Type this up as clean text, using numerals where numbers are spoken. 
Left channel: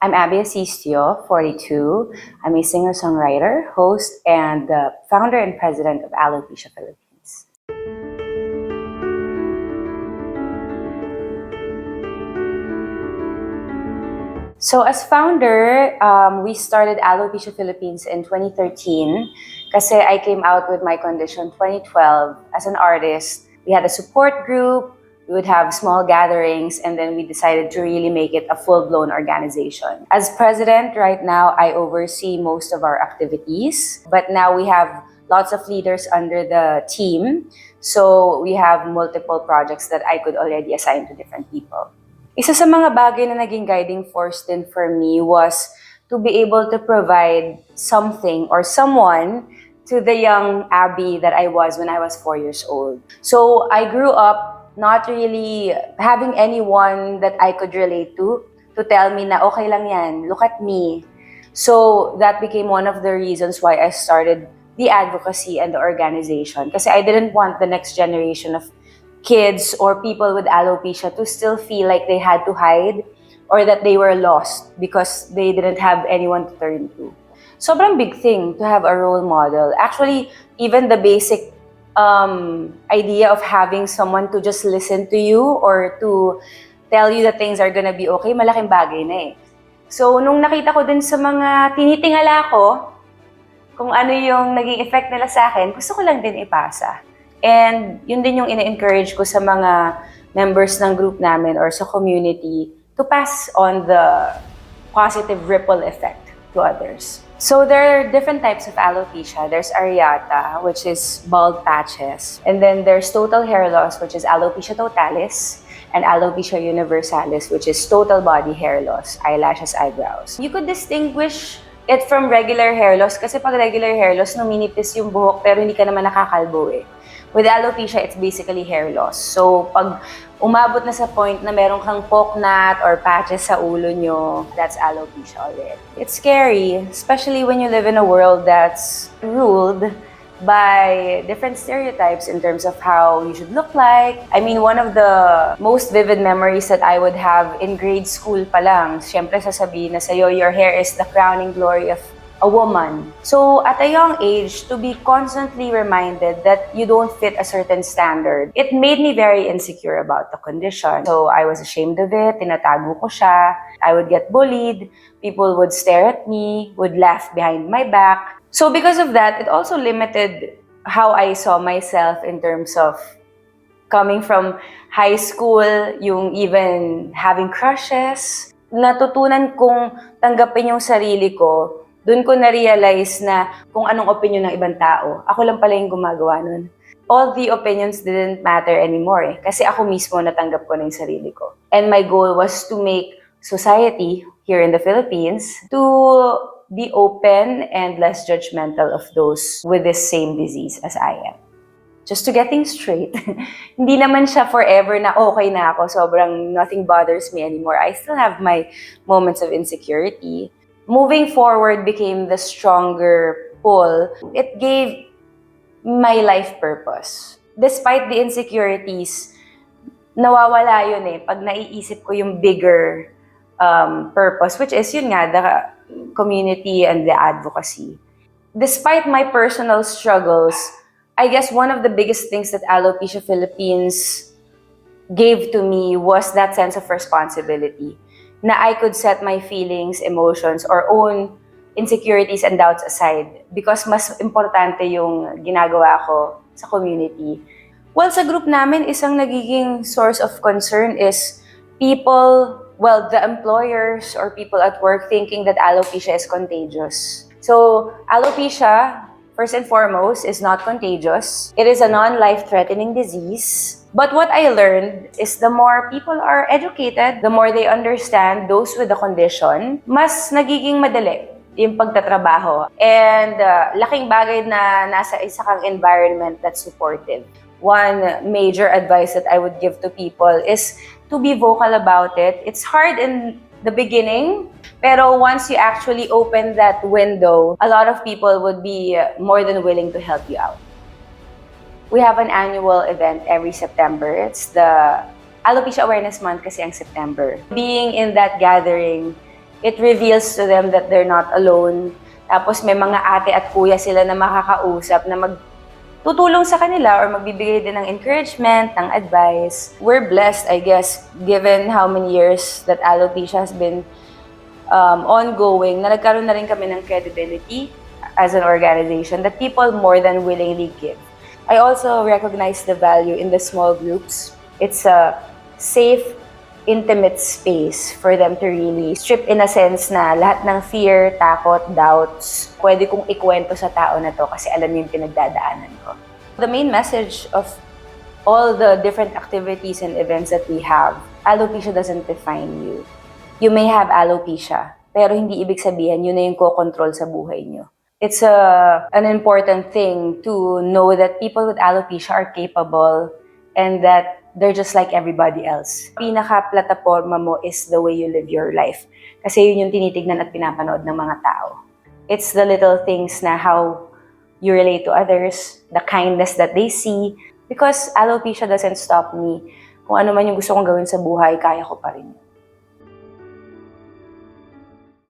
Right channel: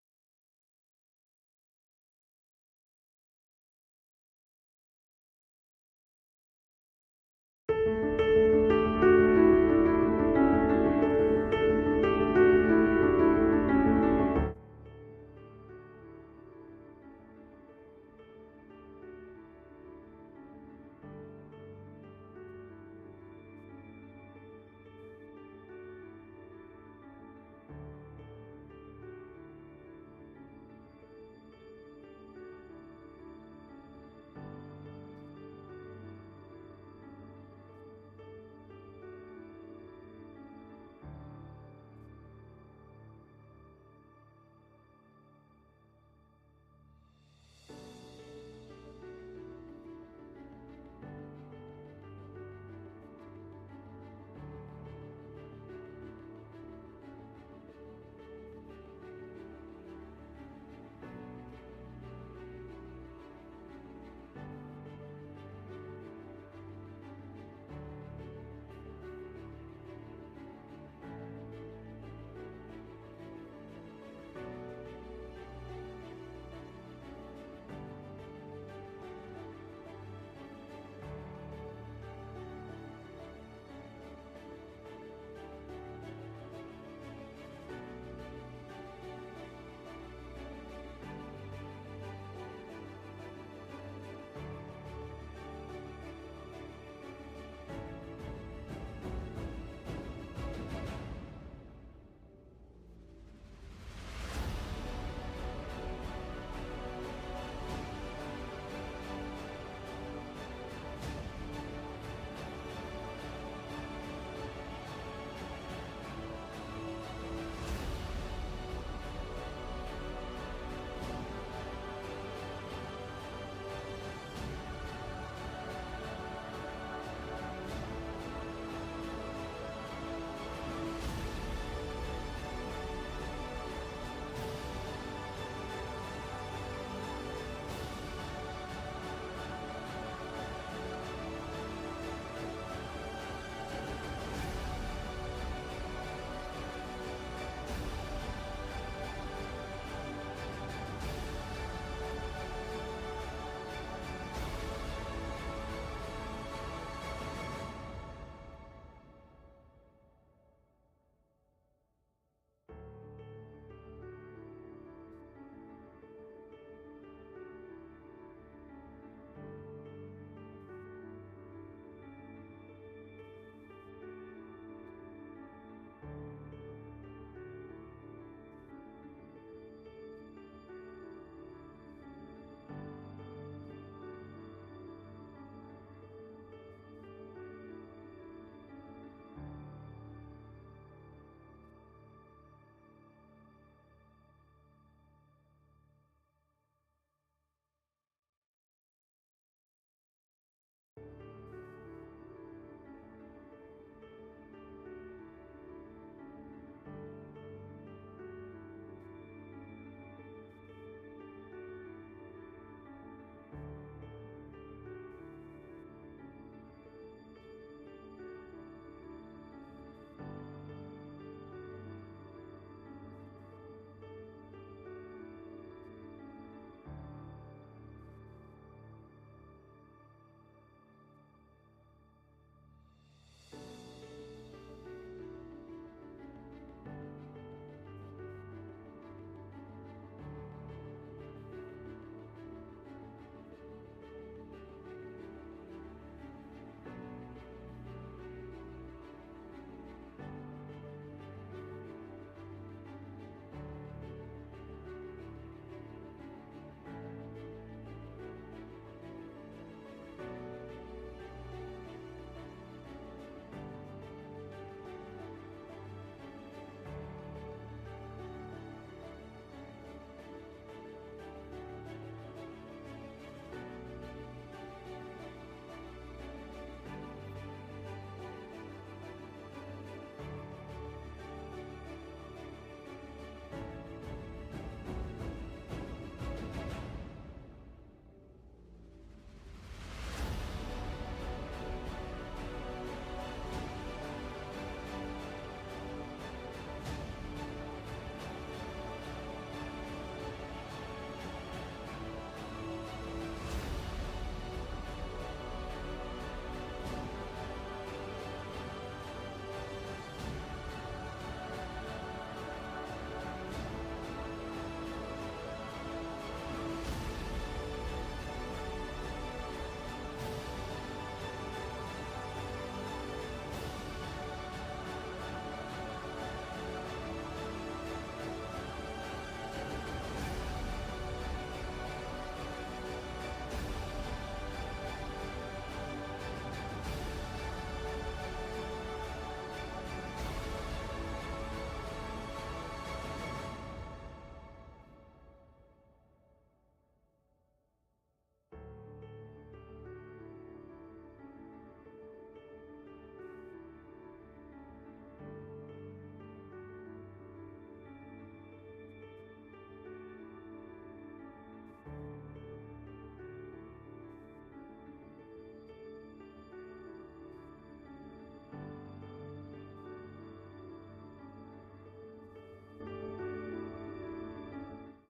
I'm Abby Asistio, 42. I'm a singer-songwriter, host, and the founder and president of Alopecia Philippines. So as founder, we started Alopecia Philippines in 2013 kasi I came out with my condition 2012 as an artist. We had a support group, we would have small gatherings, and then we decided to really make it a full-blown organization. As president right now, I oversee most of our activities, but now we have lots of leaders under the team. So we have multiple projects that I could already assign to different people. Isa sa mga bagay na naging guiding force din for me was to be able to provide something or someone to the young Abby that I was when I was 4 years old. So I grew up not really having anyone that I could relate to tell me na okay lang yan, look at me. So that became one of the reasons why I started the advocacy and the organization. Kasi I didn't want the next generation of kids or people with alopecia to still feel like they had to hide or that they were lost because they didn't have anyone to turn to. Sobrang big thing to have a role model. Actually, even the basic idea of having someone to just listen to you or to tell you that things are gonna be okay, malaking bagay na eh. So, nung nakita ko din sa mga tinitingala ko, kung ano yung naging effect nila sa akin, gusto ko lang din ipasa. And yun din yung ina-encourage ko sa mga members ng group namin or sa community to pass on the positive ripple effect to others. So there are different types of alopecia. There's areata, which is bald patches. And then there's total hair loss, which is alopecia totalis. And alopecia universalis, which is total body hair loss, eyelashes, eyebrows. You could distinguish it from regular hair loss kasi pag regular hair loss, numinipis yung buhok pero hindi ka naman nakakalbo eh. With alopecia, it's basically hair loss. So, pag umabot na sa point na meron kang pocknot or patches sa ulo nyo, that's alopecia already. It's scary, especially when you live in a world that's ruled by different stereotypes in terms of how you should look like. I mean, one of the most vivid memories that I would have in grade school pa lang, syempre sasabihin na sa'yo, your hair is the crowning glory of a woman. So at a young age, to be constantly reminded that you don't fit a certain standard, it made me very insecure about the condition. So I was ashamed of it, tinatago ko siya, I would get bullied, people would stare at me, would laugh behind my back. So because of that, it also limited how I saw myself in terms of coming from high school, yung even having crushes. Natutunan kong tanggapin yung sarili ko. Doon ko na-realize na kung anong opinion ng ibang tao. Ako lang pala yung gumagawa nun. All the opinions didn't matter anymore eh. Kasi ako mismo natanggap ko na yung sarili ko. And my goal was to make society here in the Philippines to be open and less judgmental of those with this same disease as I am. Just to get things straight, hindi naman siya forever na okay na ako, sobrang nothing bothers me anymore. I still have my moments of insecurity. Moving forward became the stronger pull. It gave my life purpose. Despite the insecurities, nawawala yun eh pag naiisip ko yung bigger purpose, which is yun nga, the community and the advocacy. Despite my personal struggles, I guess one of the biggest things that Alopecia Philippines gave to me was that sense of responsibility. Na I could set my feelings, emotions, or own insecurities and doubts aside because mas importante yung ginagawa ko sa community. Well, sa group namin, isang nagiging source of concern is people, well, the employers or people at work thinking that alopecia is contagious. So, alopecia, first and foremost, is not contagious. It is a non-life-threatening disease. But what I learned is the more people are educated, the more they understand those with the condition, mas nagiging madali yung pagtatrabaho. And laking bagay na nasa isa kang environment that's supportive. One major advice that I would give to people is to be vocal about it. It's hard in the beginning, pero once you actually open that window, a lot of people would be more than willing to help you out. We have an annual event every September. It's the Alopecia Awareness Month kasi ang September. Being in that gathering It reveals to them that they're not alone. Tapos may mga ate at kuya sila na makakausap na tutulong sa kanila or magbibigay din ng encouragement, ng advice. We're blessed, I guess, given how many years that alopecia has been ongoing, na nagkaroon na rin kami ng credibility as an organization that people more than willingly give. I also recognize the value in the small groups. It's a safe, intimate space for them to really strip in a sense na lahat ng fear, takot, doubts, pwede kong ikwento sa tao na to kasi alam niya yung pinagdadaanan ko. The main message of all the different activities and events that we have, alopecia doesn't define you. You may have alopecia, pero hindi ibig sabihin yun na yung ko-control sa buhay niyo. It's an important thing to know that people with alopecia are capable and that they're just like everybody else. Pinaka-plataforma mo is the way you live your life. Kasi yun yung tinitignan at pinapanood ng mga tao. It's the little things na how you relate to others, the kindness that they see. Because alopecia doesn't stop me. Kung ano man yung gusto kong gawin sa buhay, kaya ko pa rin.